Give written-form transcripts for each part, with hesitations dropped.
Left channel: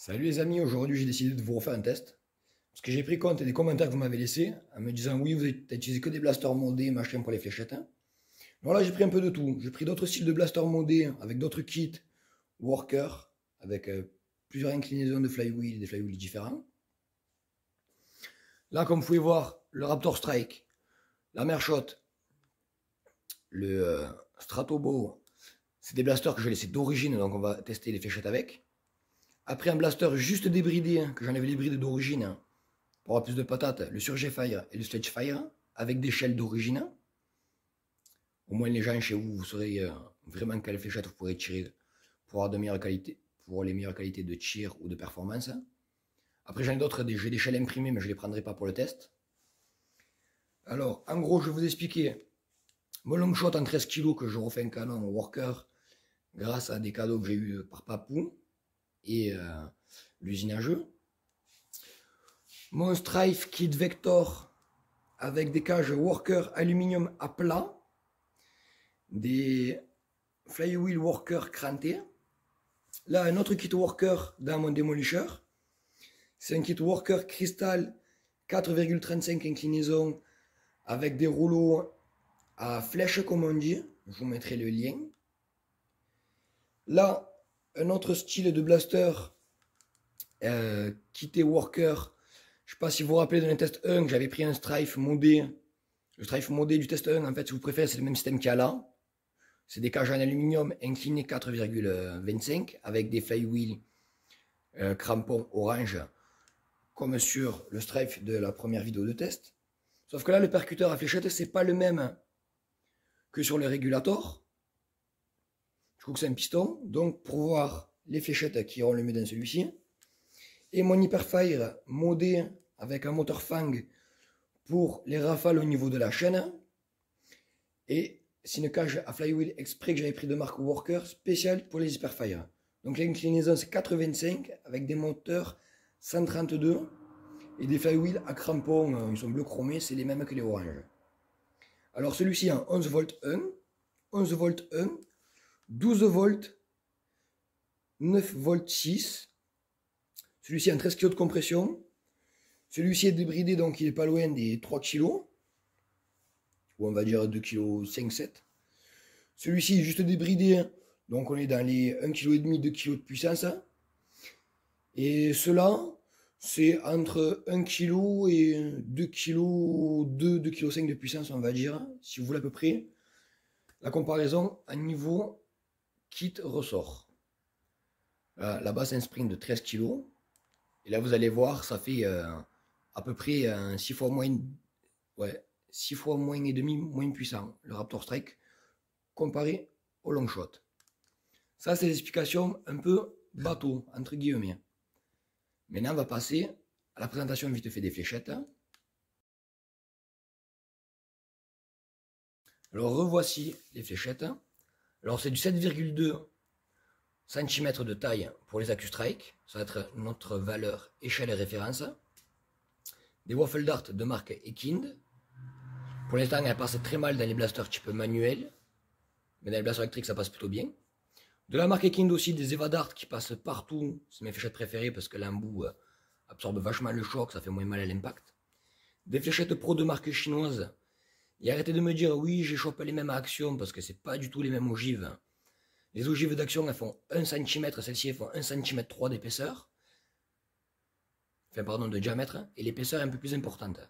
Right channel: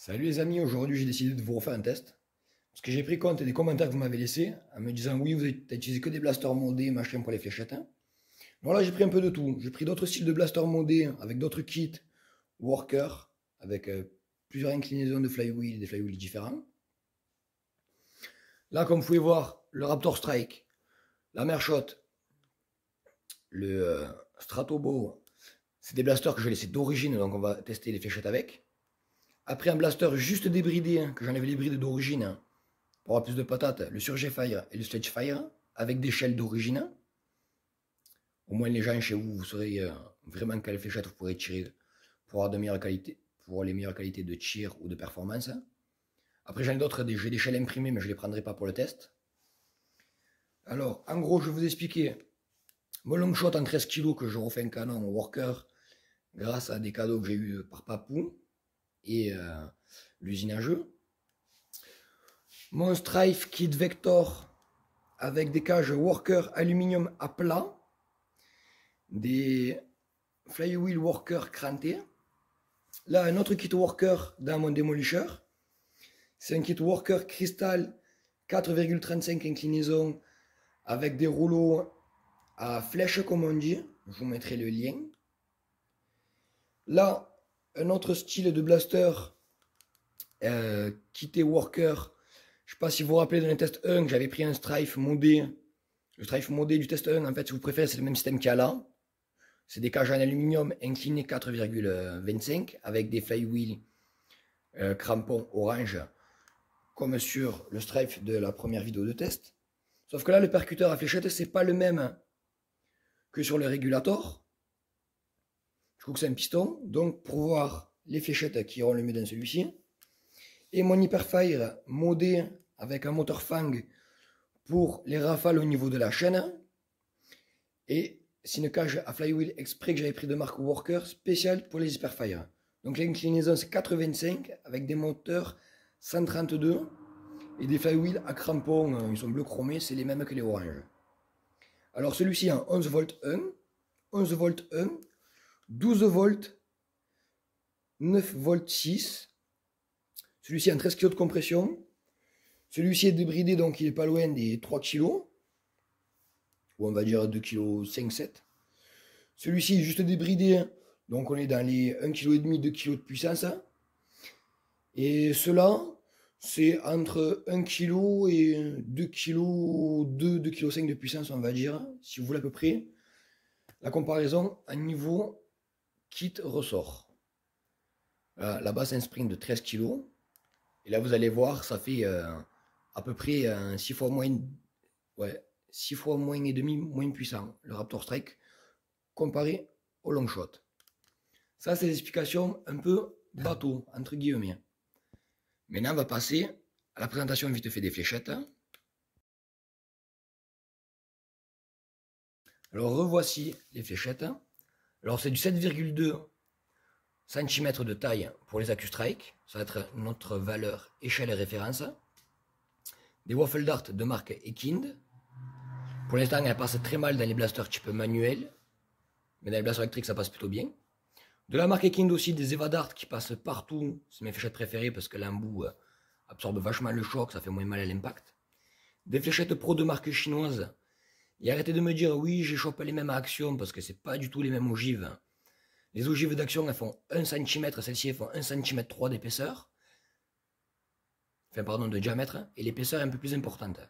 Salut les amis, aujourd'hui j'ai décidé de vous refaire un test. Parce que j'ai pris compte des commentaires que vous m'avez laissés en me disant oui, vous n'avez utilisé que des blasters modés, machin pour les fléchettes, hein. Alors là j'ai pris un peu de tout. J'ai pris d'autres styles de blasters modés avec d'autres kits, worker, avec plusieurs inclinaisons de flywheel et des flywheels différents. Là, comme vous pouvez voir, le Raptor Strike, la Mershot, le Stratobow, c'est des blasters que je vais laisser d'origine, donc on va tester les fléchettes avec. Après un blaster juste débridé, hein, que j'enlève les brides d'origine, hein, pour avoir plus de patates, le Surge Fire et le Sledge Fire, avec des shells d'origine. Au moins les gens chez vous, vous saurez vraiment quelle fléchette vous pourrez tirer pour avoir de meilleures qualités, pour les meilleures qualités de tir ou de performance. Après j'en ai d'autres, j'ai des shells imprimés, mais je ne les prendrai pas pour le test. Alors en gros, je vais vous expliquer mon long shot en 13 kg que je refais un canon au worker grâce à des cadeaux que j'ai eu par Papou et l'usine à jeu. Mon Strife Kit Vector avec des cages worker aluminium à plat, des flywheel worker crantés. Là, un autre kit worker dans mon démolisher. C'est un kit worker cristal 4,35 inclinaison avec des rouleaux à flèche comme on dit. Je vous mettrai le lien. Là, un autre style de blaster kité worker. Je ne sais pas si vous vous rappelez dans le test 1 que j'avais pris un Strife modé. Le Strife modé du test 1, en fait, si vous préférez, c'est le même système qu'il y a là. C'est des cages en aluminium inclinées 4,25 avec des flywheels crampons orange comme sur le Strife de la première vidéo de test. Sauf que là, le percuteur à fléchette, c'est pas le même que sur le régulateur. Je trouve que c'est un piston. Donc, pour voir les fléchettes qui auront le mieux dans celui-ci. Et mon Hyperfire modé avec un moteur Fang pour les rafales au niveau de la chaîne. Et c'est une cage à flywheel exprès que j'avais pris de marque Worker spéciale pour les Hyperfire. Donc l'inclinaison c'est 4,25 avec des moteurs 132 et des flywheels à crampons, ils sont bleu chromés, c'est les mêmes que les oranges. Alors celui-ci en 11 volts 1, 11 volts 1, 12 volts, 9 volts 6. Celui-ci en 13 kg de compression. Celui-ci est débridé donc il est pas loin des 3 kg. Ou on va dire 2 kg 5, 7. Celui-ci est juste débridé, donc on est dans les 1,5 kg, 2 kg de puissance. Et cela, c'est entre 1 kg et 2 kg, 2 kg 5 de puissance, on va dire, si vous voulez à peu près. La comparaison à niveau kit ressort. Là-bas, c'est un sprint de 13 kg. Et là, vous allez voir, ça fait à peu près 6 fois moins, ouais, 6 fois moins et demi moins puissant, le Raptor Strike, comparé au long shot. Ça, c'est l'explication un peu bateau, entre guillemets. Maintenant, on va passer à la présentation vite fait des fléchettes. Alors, revoici les fléchettes. Alors, c'est du 7,2 cm de taille pour les AccuStrike. Ça va être notre valeur échelle et référence. Des Waffle Dart de marque Ekind. Pour l'instant, elles passent très mal dans les blasters type manuel. Mais dans les blasters électriques, ça passe plutôt bien. De la marque Ekind aussi, des Eva Dart qui passent partout. C'est mes fléchettes préférées parce que l'embout absorbe vachement le choc, ça fait moins mal à l'impact. Des fléchettes pro de marque chinoise. Et arrêtez de me dire, oui, j'ai chopé les mêmes à Action parce que c'est pas du tout les mêmes ogives. Les ogives d'Action, elles font 1 cm, celles-ci, elles font 1 cm 3 d'épaisseur. Enfin, pardon, de diamètre. Et l'épaisseur est un peu plus importante.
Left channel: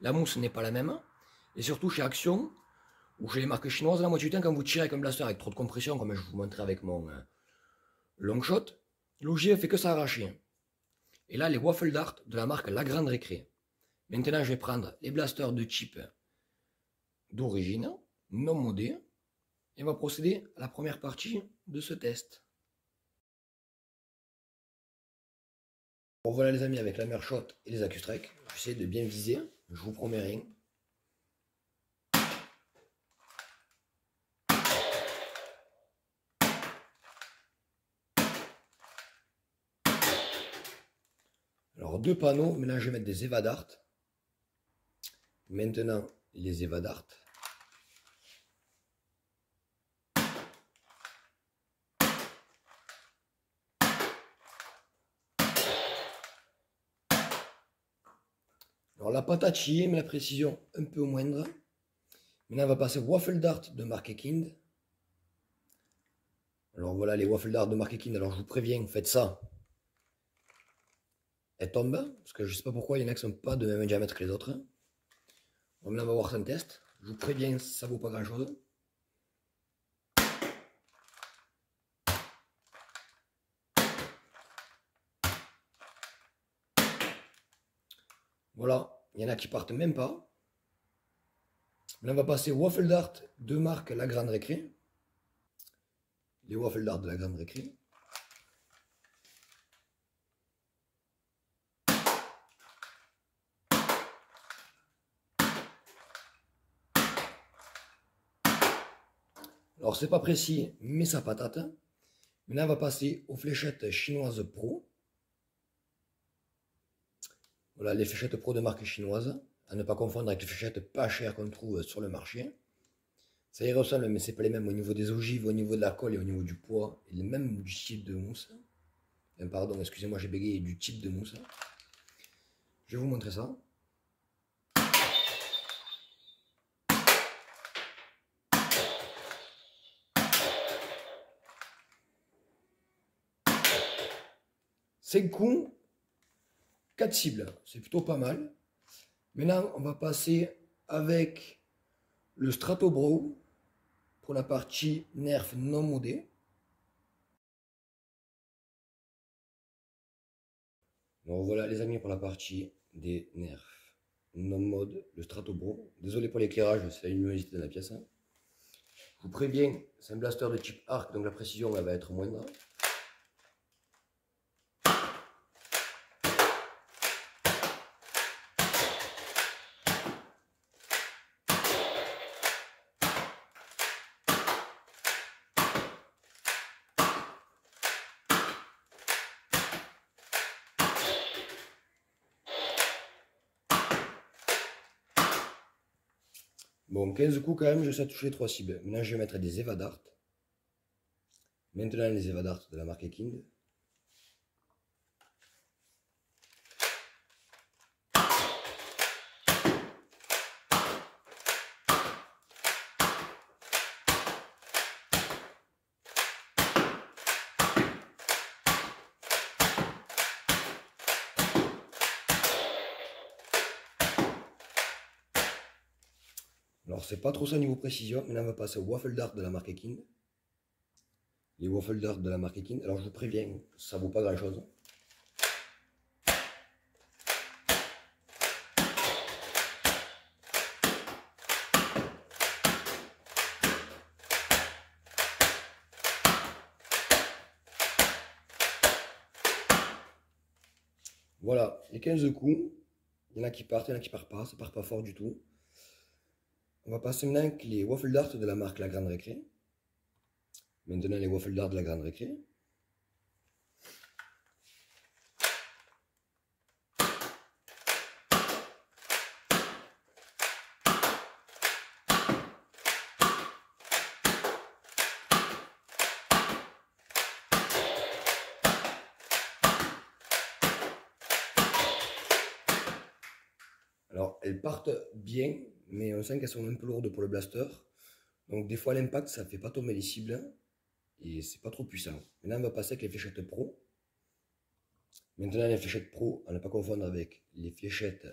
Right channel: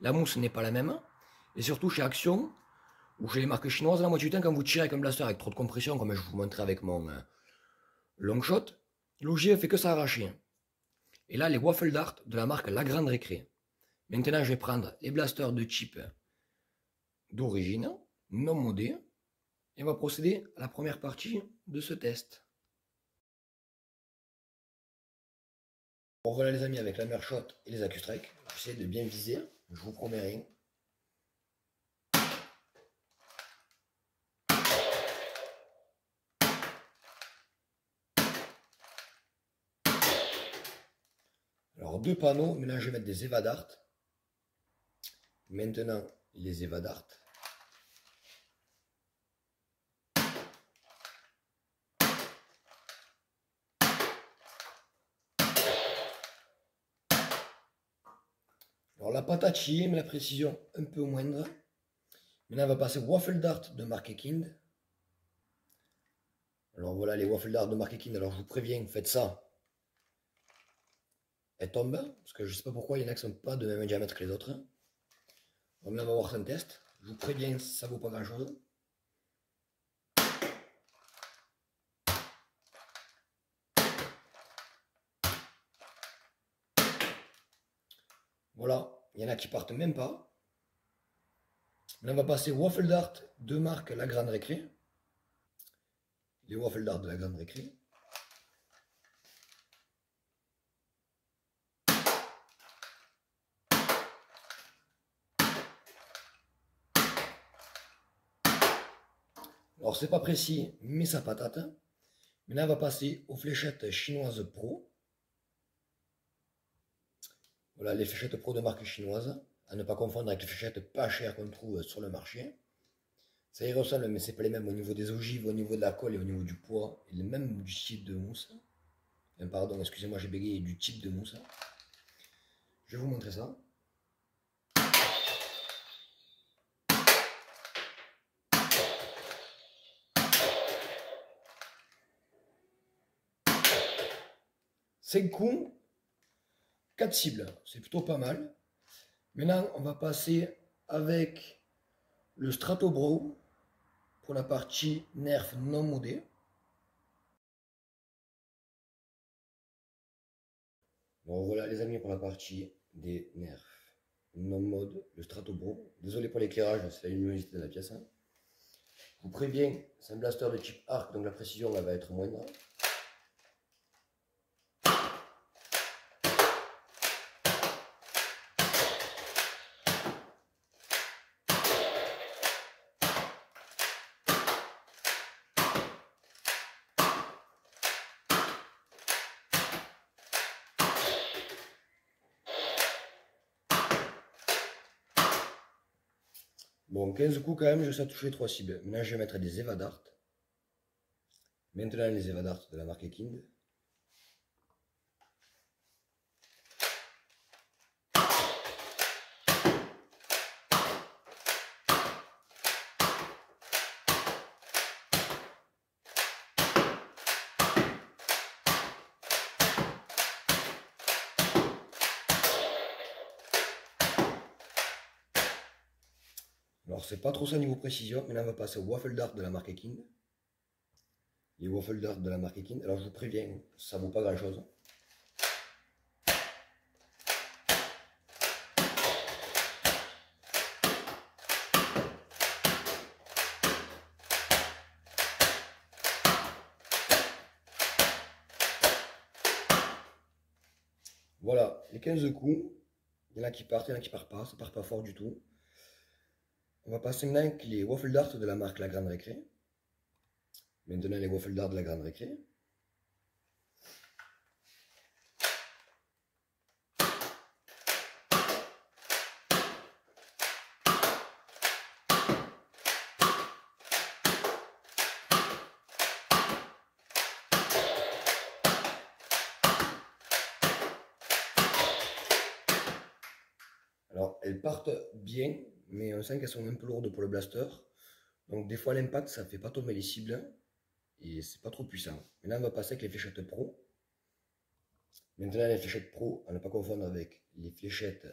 La mousse n'est pas la même. Et surtout, chez Action, ou chez les marques chinoises, la moitié du temps, quand vous tirez avec un blaster avec trop de compression, comme je vous montrais avec mon long shot, l'ogive fait que s'arracher. Et là, les Waffle Dart de la marque La Grande Récré. Maintenant, je vais prendre les blasters de type d'origine, non modés, et on va procéder à la première partie de ce test. Bon voilà les amis, avec la Mershot et les AccuStrike, j'essaie de bien viser, je vous promets rien. Alors deux panneaux, mais là je vais mettre des Eva Dart. Maintenant les Eva Dart. Alors la patate chillée, mais la précision un peu moindre. Maintenant, on va passer au Waffle Dart de marque Ekind. Alors voilà les Waffle Dart de marque Ekind. Alors je vous préviens, faites ça. Elles tombent, parce que je ne sais pas pourquoi il y en a qui ne sont pas de même diamètre que les autres. Bon, maintenant, on va voir un test. Je vous préviens, ça ne vaut pas grand chose. Voilà, il y en a qui partent même pas. Là, on va passer au Waffle Dart de marque La Grande Récré. Les Waffle Dart de La Grande Récré. Alors, c'est pas précis, mais ça patate. Maintenant, on va passer aux fléchettes chinoises Pro. Voilà, les fléchettes Pro de marque chinoise. À ne pas confondre avec les fléchettes pas chères qu'on trouve sur le marché. Ça y ressemble, mais c'est pas les mêmes au niveau des ogives, au niveau de la colle et au niveau du poids, et même du type de mousse. Enfin, pardon, excusez-moi, j'ai bégayé, du type de mousse. Je vais vous montrer ça. C'est coups, 4 cibles, c'est plutôt pas mal. Maintenant, on va passer avec le Strato Bro pour la partie nerf non modé. Donc voilà les amis pour la partie des nerfs non mode, le Strato Bro. Désolé pour l'éclairage, c'est la luminosité de la pièce. Je vous préviens, c'est un blaster de type arc, donc la précision elle va être moindre. Bon, 15 coups quand même, je sais toucher 3 cibles. Maintenant, je vais mettre des Eva Dart. Maintenant, les Eva Dart de la marque Ekind. Alors, c'est pas trop ça niveau précision. Maintenant, on va passer au Waffle Dart de la marque Ekind. Les Waffle Dart de la marque Ekind. Alors, je vous préviens, ça vaut pas grand chose. Voilà, les 15 coups. Il y en a qui partent, il y en a qui partent pas. Ça part pas fort du tout. On va passer maintenant avec les Waffle Dart de la marque La Grande Récré. Maintenant, les Waffle Dart de la Grande Récré. Alors, elles partent bien, mais on sent qu'elles sont un peu lourdes pour le blaster. Donc, des fois, l'impact, ça ne fait pas tomber les cibles. Et c'est pas trop puissant. Maintenant, on va passer avec les fléchettes pro. Maintenant, les fléchettes pro, à ne pas confondre avec les fléchettes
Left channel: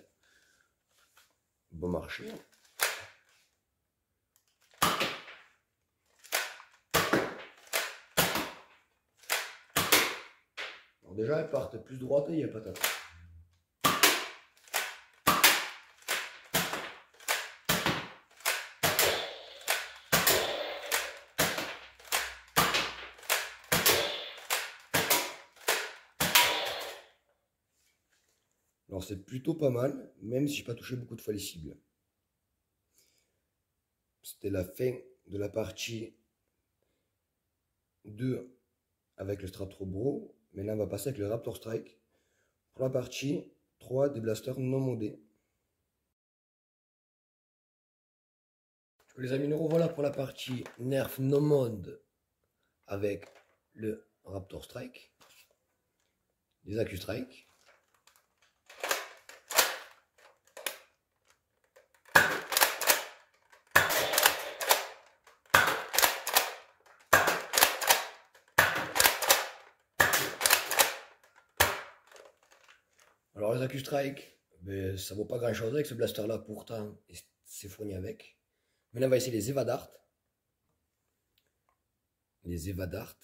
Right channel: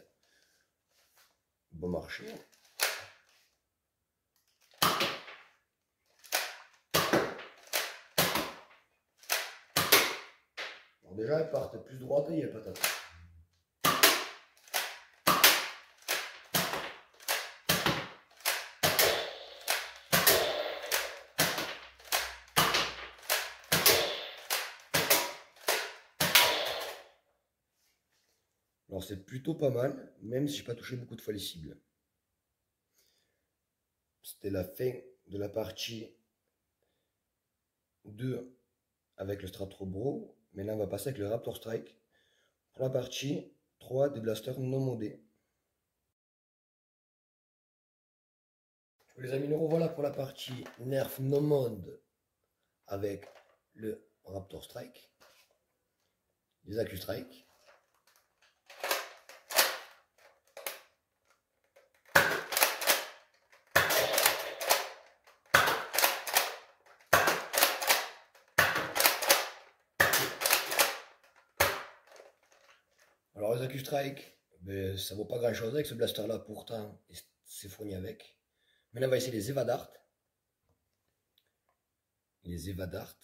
bon marché. Alors déjà, elles partent plus droites et il y a patate. Alors c'est plutôt pas mal, même si je n'ai pas touché beaucoup de fois les cibles. C'était la fin de la partie 2 avec le Strato Bro. Maintenant on va passer avec le Raptor Strike pour la partie 3 des blasters non modés. Les amis, nous revoilà pour la partie nerf non mode avec le Raptor Strike, les Accu Strike. Alors les AccuStrike, ben, ça vaut pas grand chose avec ce blaster là pourtant, et c'est fourni avec. Maintenant on va essayer les Evadart. Les Evadart.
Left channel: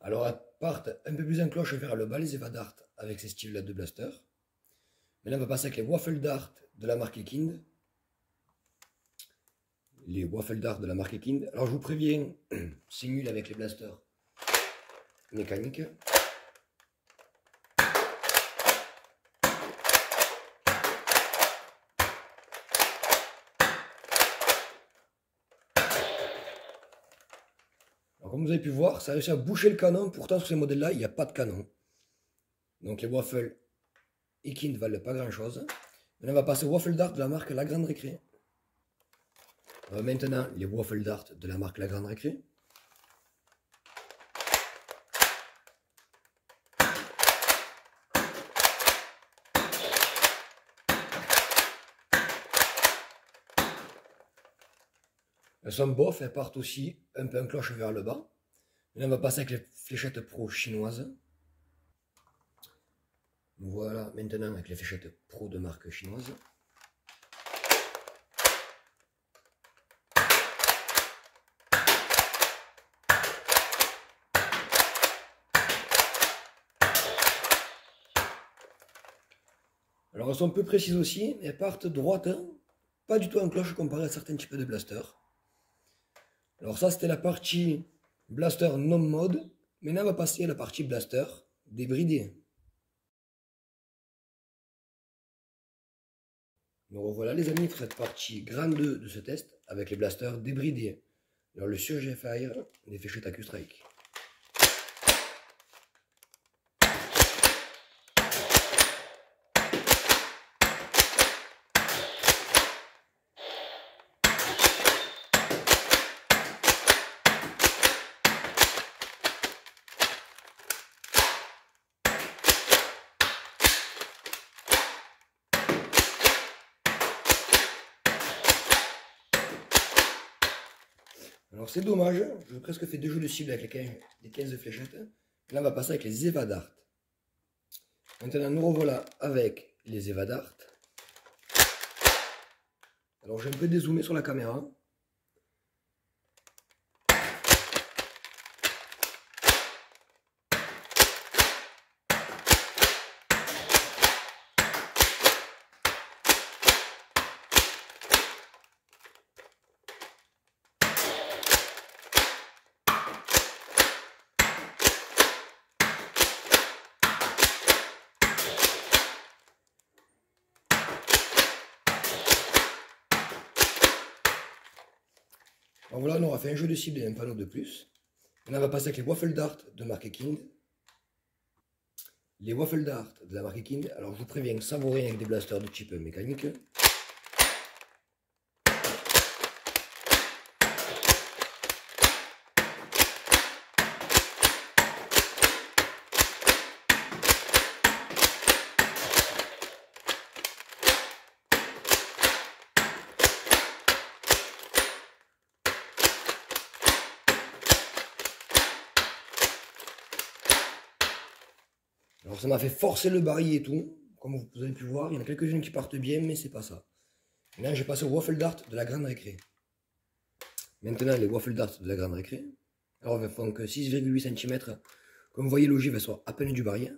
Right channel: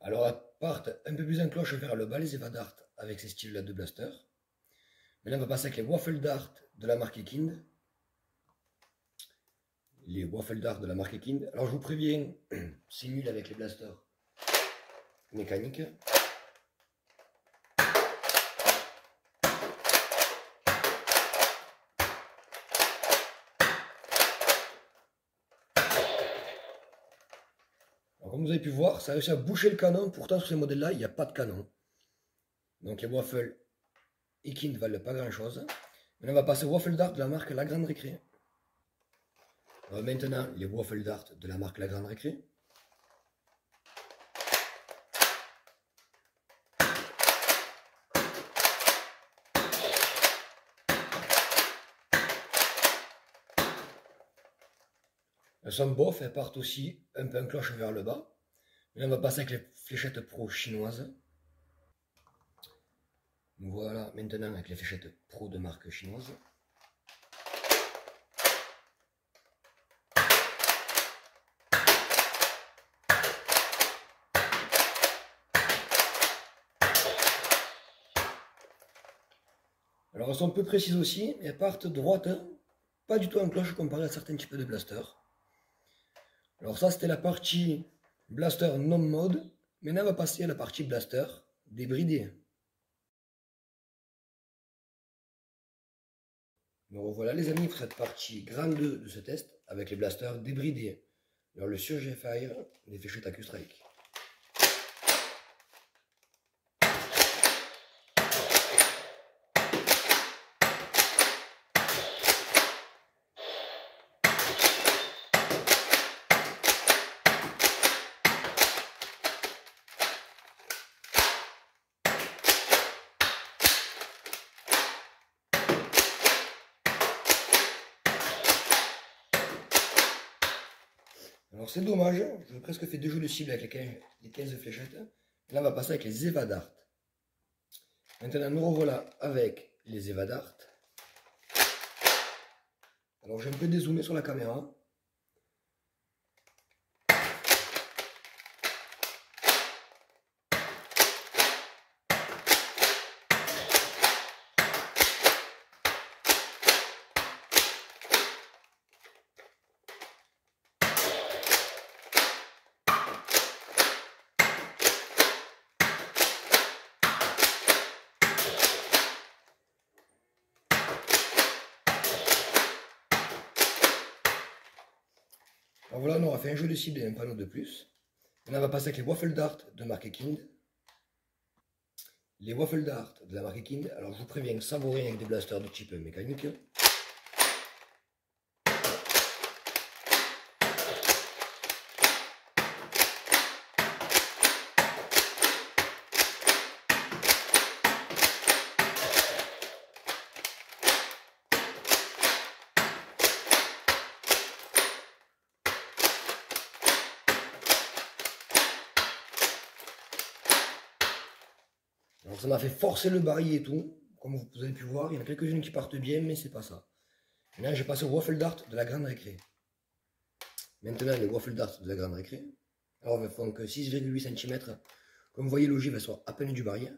Alors elles partent un peu plus en cloche vers le bas les Evadart avec ces styles là de blaster. Maintenant on va passer avec les Waffle Dart de la marque Ekind. Les Waffle Dart de la marque Ekind. Alors je vous préviens, c'est nul avec les blasters mécaniques. Alors, comme vous avez pu voir, ça a réussi à boucher le canon. Pourtant, sur ces modèles-là, il n'y a pas de canon. Donc, les Waffle Ekind ne valent pas grand-chose. Maintenant, on va passer aux Waffle Dart de la marque La Grande Récré. Alors, maintenant, les Waffle Dart de la marque La Grande Récré. Elles sont bof, elles partent aussi un peu en cloche vers le bas. Là, on va passer avec les fléchettes pro chinoises. Donc voilà, maintenant avec les fléchettes pro de marque chinoise. Alors elles sont peu précises aussi, mais elles partent droites, hein, pas du tout en cloche comparé à certains types de blasters. Alors ça c'était la partie blaster non mode. Maintenant on va passer à la partie blaster débridé. Donc voilà les amis pour cette partie grande 2 de ce test avec les blasters débridés. Alors le Surge Fire des fléchettes AccuStrike. Alors c'est dommage, j'ai presque fait 2 jeux de cible avec les 15 fléchettes. Là on va passer avec les Evadart. Maintenant nous revoilà avec les Evadart. Alors j'ai un peu dézoomé sur la caméra. Alors voilà, on aura fait un jeu de cible et un panneau de plus. Maintenant, on va passer avec les Waffle Dart de marque Ekind. Les Waffle Dart de la marque Ekind, alors je vous préviens, ça vaut rien avec des blasters de type mécanique. Alors ça m'a fait forcer le barillet et tout, comme vous avez pu voir, il y en a quelques-unes qui partent bien, mais c'est pas ça. Maintenant je passe au Waffle Dart de la Grande Récré. Maintenant les Waffle Dart de la Grande Récré. Alors elles font que 6,8 cm. Comme vous voyez, l'ogive elle sort à peine du barillet.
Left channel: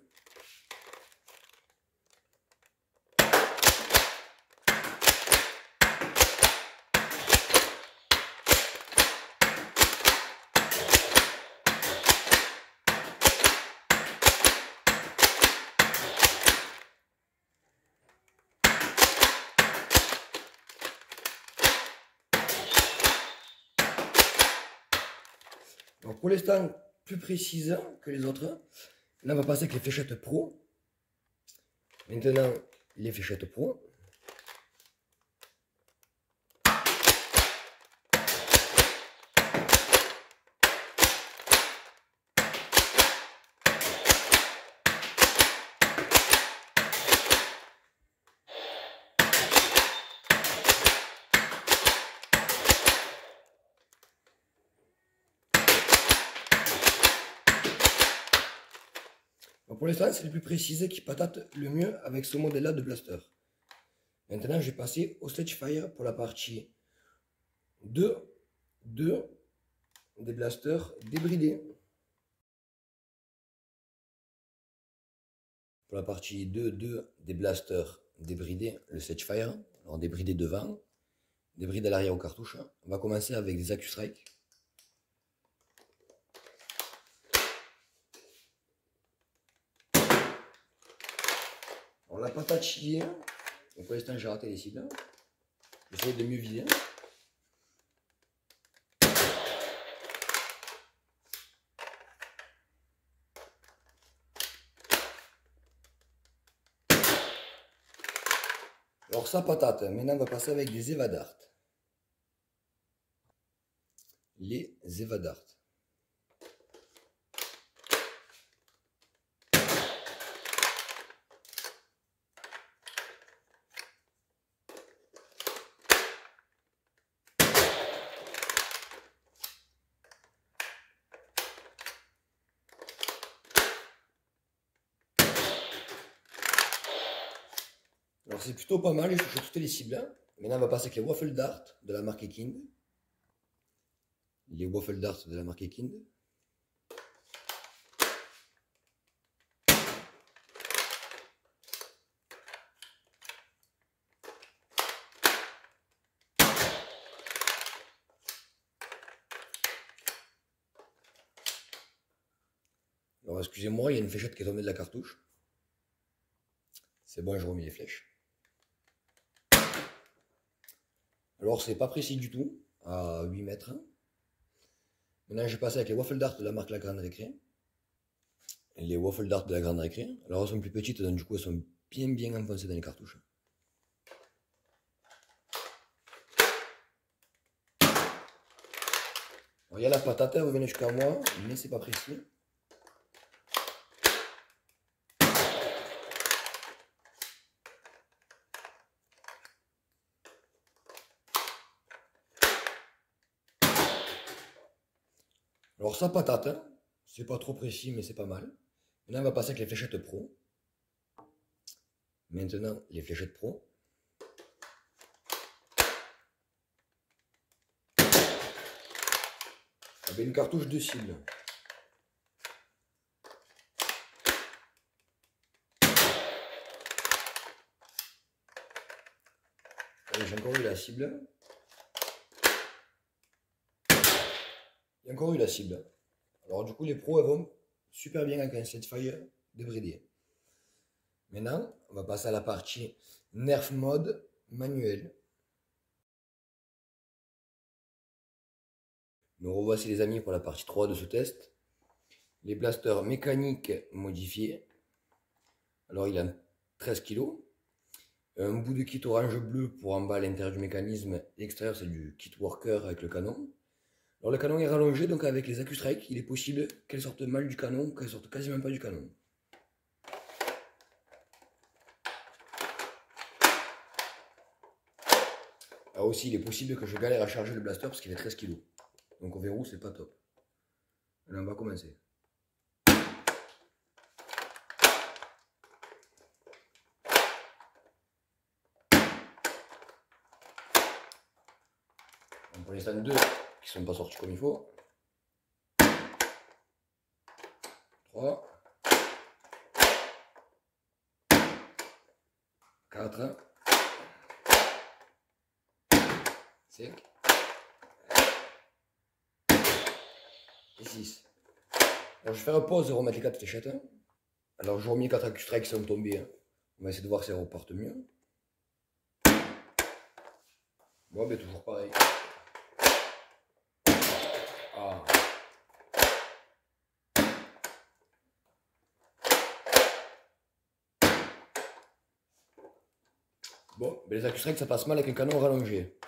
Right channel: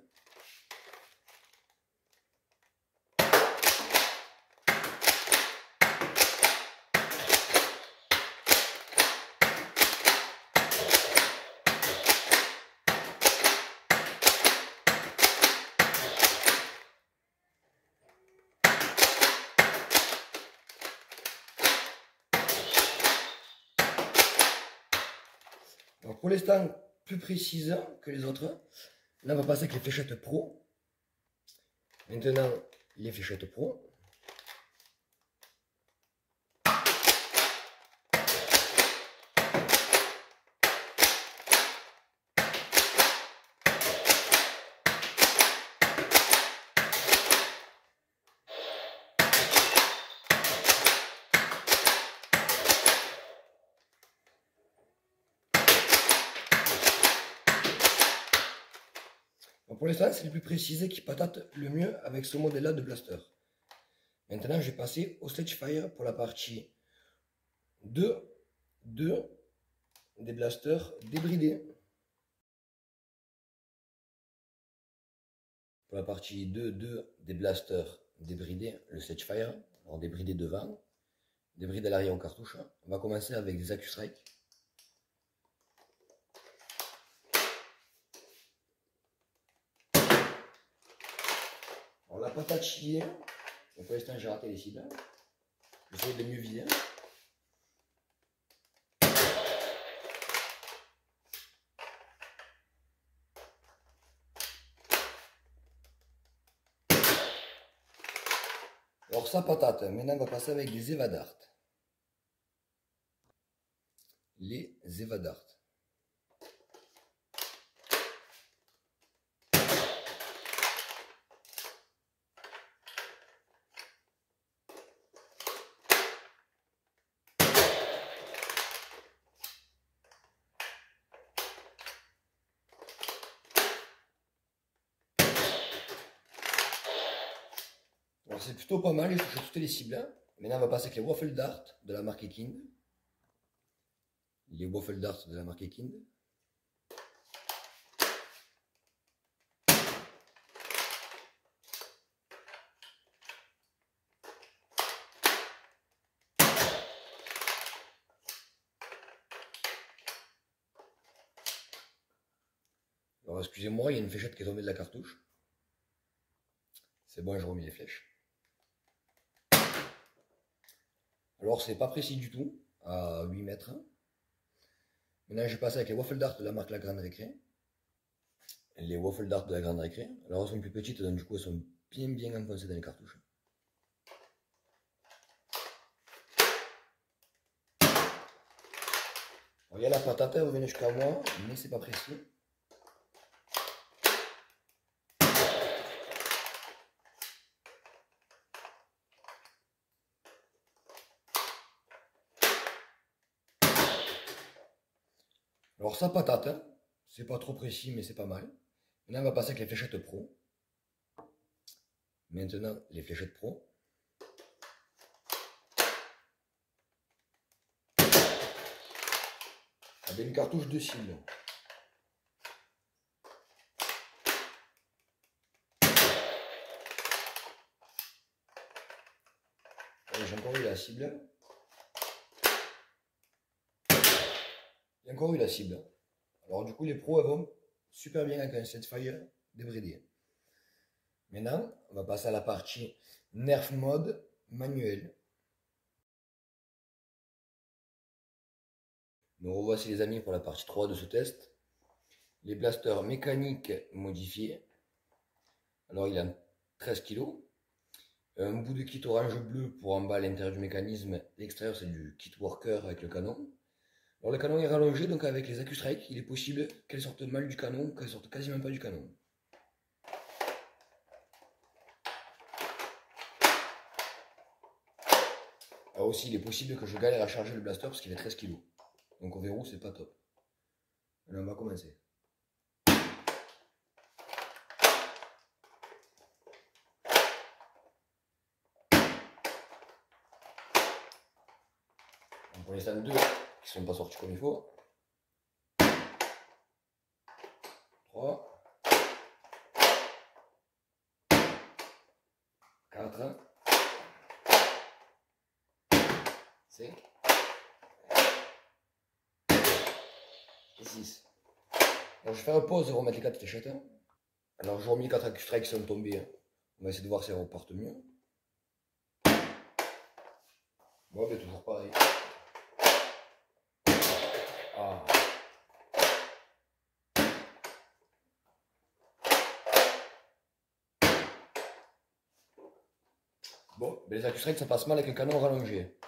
Donc pour l'instant, plus précise que les autres. Là, on va passer avec les fléchettes pro. Maintenant, les fléchettes pro. pour l'instant, c'est le plus précisé qui patate le mieux avec ce modèle-là de blaster. Maintenant, je vais passer au Sledgefire pour la partie 2 des blasters débridés. Pour la partie 2 des blasters débridés, le Sledgefire, alors débridé devant, débridé à l'arrière aux cartouches. On va commencer avec des AccuStrike. On l'a pas tatillé, donc pour l'instant j'ai raté les cibles. J'essaie de mieux viser. Alors ça patate, maintenant on va passer avec des Evadart. Les Evadart. Alors c'est plutôt pas mal, je touche toutes les cibles. Maintenant on va passer avec les Waffle Dart de la marque Ekind. Les Waffle Dart de la marque Ekind. Alors excusez-moi, il y a une fléchette qui est tombée de la cartouche. C'est bon, je remets les flèches. Alors c'est pas précis du tout, à 8 mètres. Maintenant je vais passer avec les Waffle Dart de la marque La Grande Récré. Les Waffle Dart de la Grande Récré. Alors elles sont plus petites, donc du coup elles sont bien enfoncées dans les cartouches. Alors il y a la patate, elle revient jusqu'à moi, mais c'est pas précis. Alors ça patate, hein. C'est pas trop précis mais c'est pas mal. Maintenant on va passer avec les fléchettes pro. Maintenant les fléchettes pro. Avec une cartouche de cible. J'ai encore eu la cible. Il y a encore eu la cible. Alors du coup les pros elles vont super bien avec un Sledgefire débridé. Maintenant on va passer à la partie Nerf mode manuel. Nous revoici les amis pour la partie 3 de ce test. Les blasters mécaniques modifiés. Alors il a 13 kg. Un bout de kit orange bleu pour en bas à l'intérieur du mécanisme. L'extérieur c'est du kit worker avec le canon. Alors le canon est rallongé, donc avec les AccuStrike, il est possible qu'elle sorte mal du canon ou qu'elle sorte quasiment pas du canon. Alors aussi, il est possible que je galère à charger le blaster parce qu'il fait 13 kg. Donc au verrou, c'est pas top. Allez, on va commencer. Donc pour l'instant, deux qui sont pas sortis comme il faut. 3. 4. 5. Et 6. Alors je vais faire pause et remettre les 4 fléchettes. Alors je remets les 4 AccuStrike qui sont tombés. On va essayer de voir si elles repartent mieux. Bon, ben toujours pareil. Ah. Bon, ben les AccuStrike ça passe mal avec un canon rallongé.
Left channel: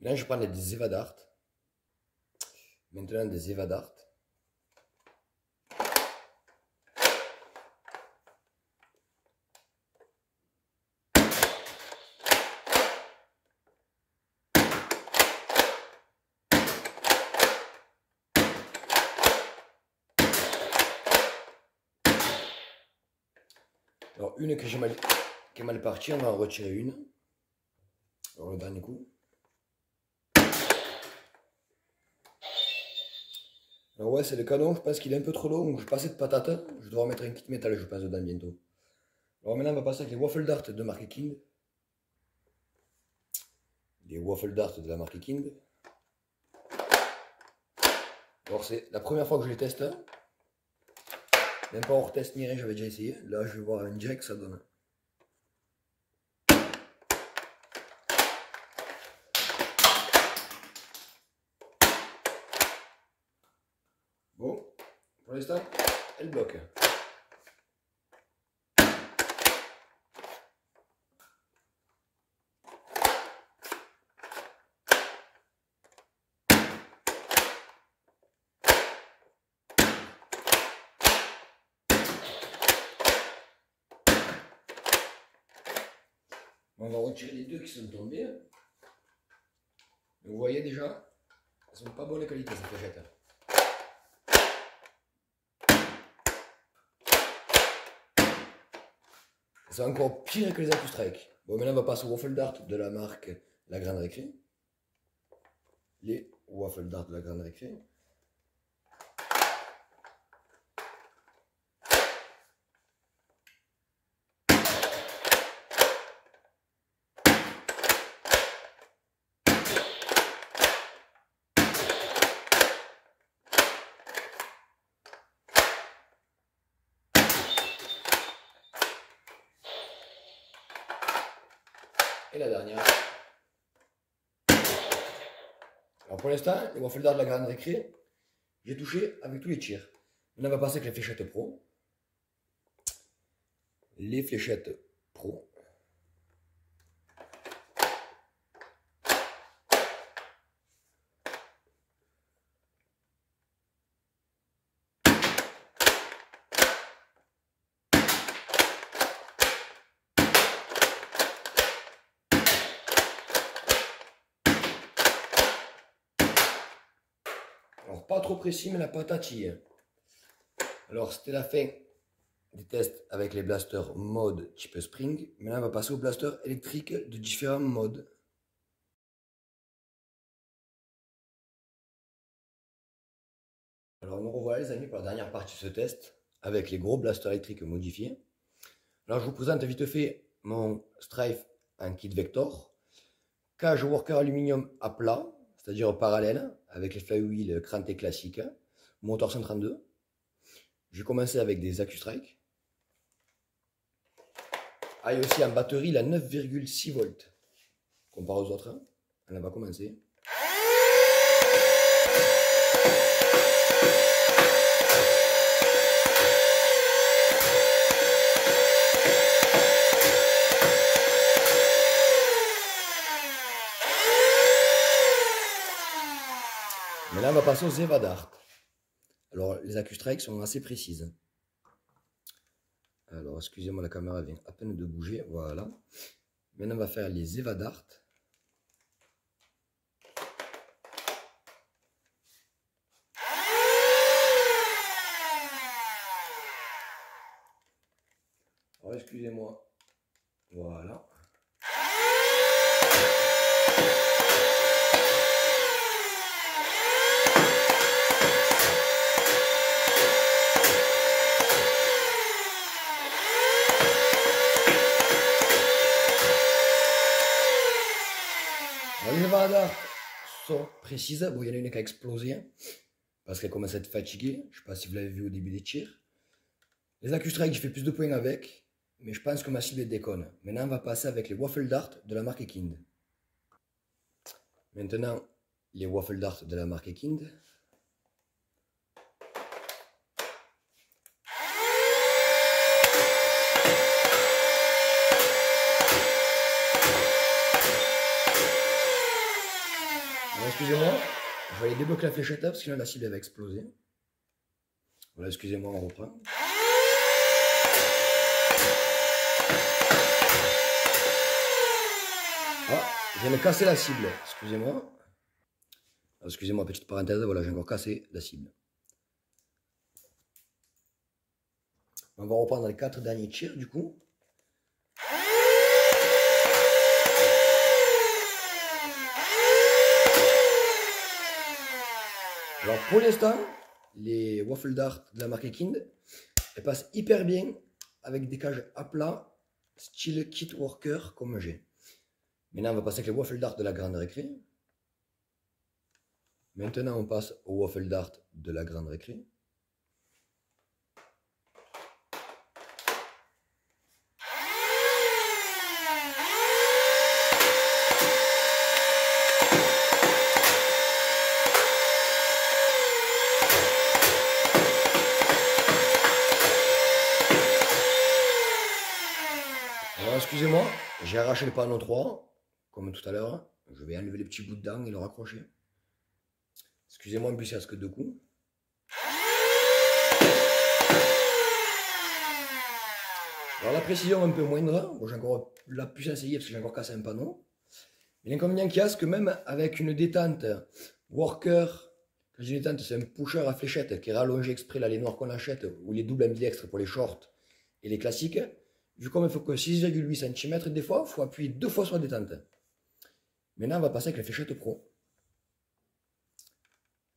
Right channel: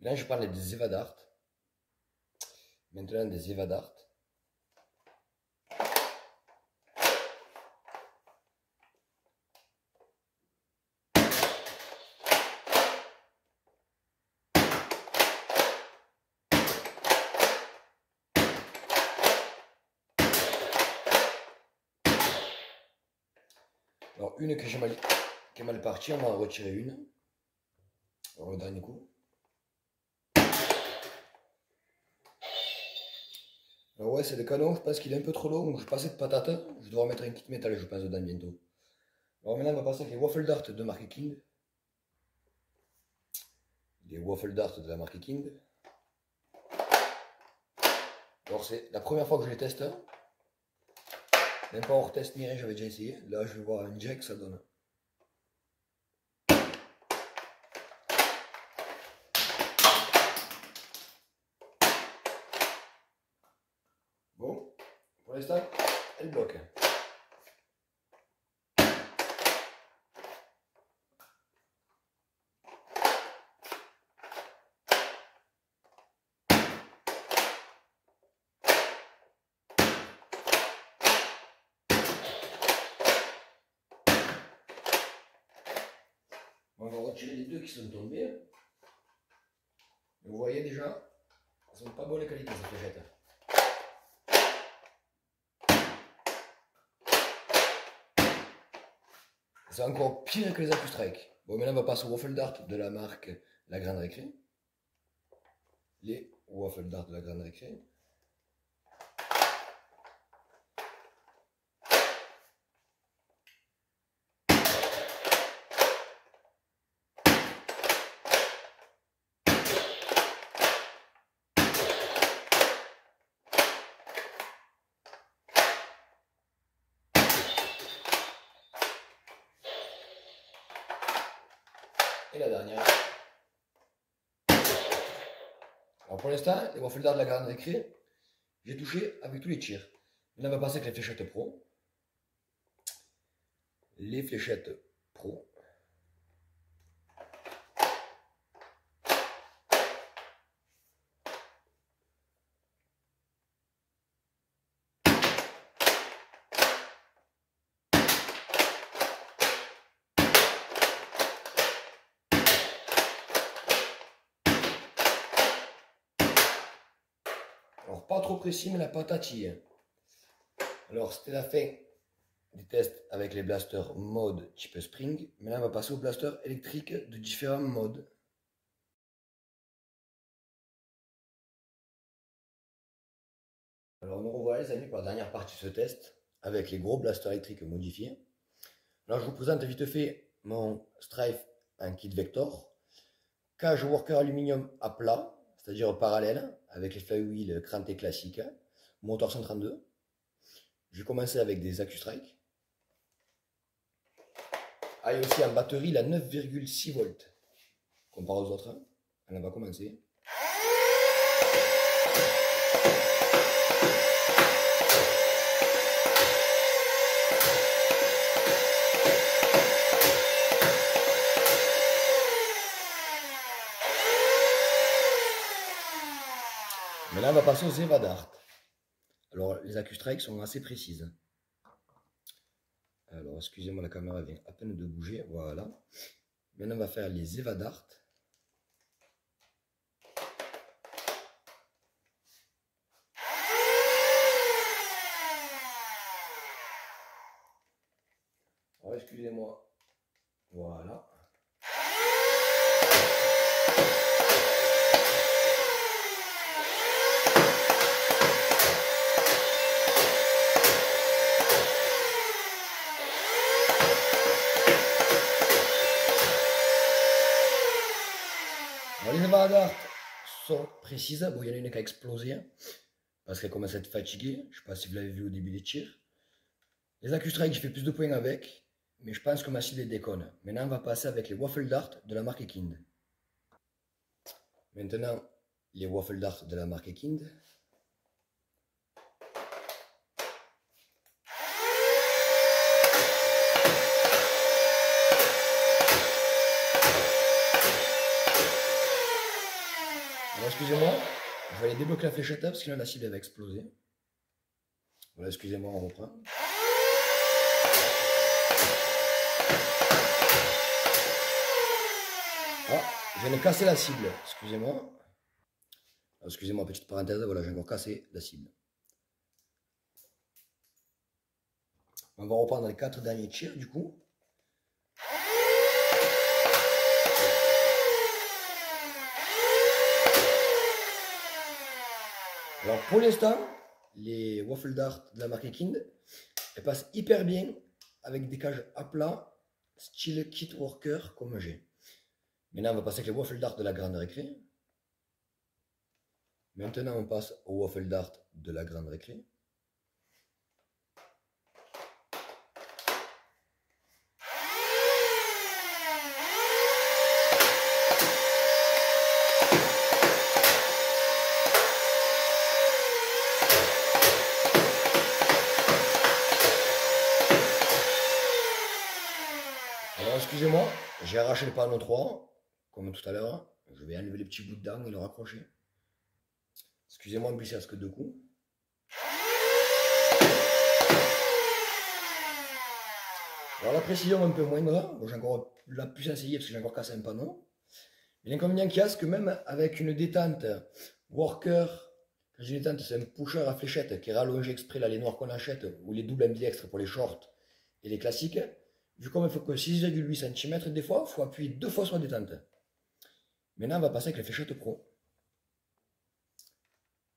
Là je prends des Evadart. Maintenant des Evadart. Alors une qui est mal partie, on va en retirer une. Alors le dernier coup. Alors ouais, c'est le canon, je pense qu'il est un peu trop long, donc je vais passer de patate. Je dois remettre un kit métal, je pense, dedans bientôt. Alors maintenant, on va passer avec les waffle dart de marque Kind. Les waffle dart de la marque Kind. Alors c'est la première fois que je les teste. Même pas hors test ni rien, j'avais déjà essayé. Là, je vais voir un jack, ça donne. Bon, pour l'instant, elle bloque. On va retirer les deux qui sont tombés. Vous voyez déjà, elles sont pas bonne qualité ces fléchettes. C'est encore pire que les AccuStrike. Bon, maintenant on va passer au waffle dart de la marque La Grande Récré. Les waffle dart de La Grande Récré. Et la dernière. Alors pour l'instant, les waffle dart de La Grande Récré, j'ai touché avec tous les tirs. Maintenant on va passer avec les fléchettes pro. Les fléchettes pro. Alors pas trop précis, mais la patatille. Alors c'était la fin des tests avec les blasters mode type spring. Maintenant on va passer aux blasters électriques de différents modes. Alors nous revoilà les amis pour la dernière partie de ce test avec les gros blasters électriques modifiés. Alors je vous présente vite fait mon Strife en kit Vector. Cage worker aluminium à plat, c'est-à-dire parallèle, avec les flywheels crantés classiques. Moteur 132. J'ai commencé avec des AccuStrike. Ah, et aussi en batterie la 9,6 volts. Comparé aux autres. On va commencer. Mais là, on va passer aux Evadart. Alors, les AccuStrike sont assez précises. Alors, excusez-moi, la caméra vient à peine de bouger. Voilà. Maintenant, on va faire les Evadart. Alors, excusez-moi. Voilà. Alors, les Evadart sont précises. Bon, il y en a une qui a explosé parce qu'elle commence à être fatiguée. Je ne sais pas si vous l'avez vu au début des tirs. Les AccuStrike, j'ai fait plus de points avec, mais je pense que ma cible déconne. Maintenant, on va passer avec les Waffle Dart de la marque Kind. Maintenant, les Waffle Dart de la marque Kind. Excusez-moi, je vais aller débloquer la fléchette parce que là la cible va exploser. Voilà, excusez-moi, on reprend. Ah, je viens de casser la cible, excusez-moi. Excusez-moi, petite parenthèse, voilà, j'ai encore cassé la cible. On va reprendre les 4 derniers tirs du coup. Alors pour l'instant, les waffle dart de la marque Kind, elles passent hyper bien avec des cages à plat, style kit worker comme j'ai. Maintenant, on va passer avec les waffle dart de la grande récré. Maintenant, on passe au waffle dart de la grande récré. Alors, excusez-moi, j'ai arraché le panneau 3, comme tout à l'heure. Je vais enlever les petits bouts de dents et le raccrocher. Excusez-moi, en plus, il reste que 2 coups. Alors, la précision un peu moindre. Bon, j'ai encore la puce essayée parce que j'ai encore cassé un panneau. Mais l'inconvénient qu'il y a, c'est que même avec une détente worker, quand je dis détente, c'est un pusher à fléchette qui est rallongé exprès, là, les noirs qu'on achète, ou les doubles ambidextres pour les shorts et les classiques. Vu comme il faut que 6,8 cm, des fois, il faut appuyer 2 fois sur la détente. Maintenant, on va passer avec les fléchettes pro.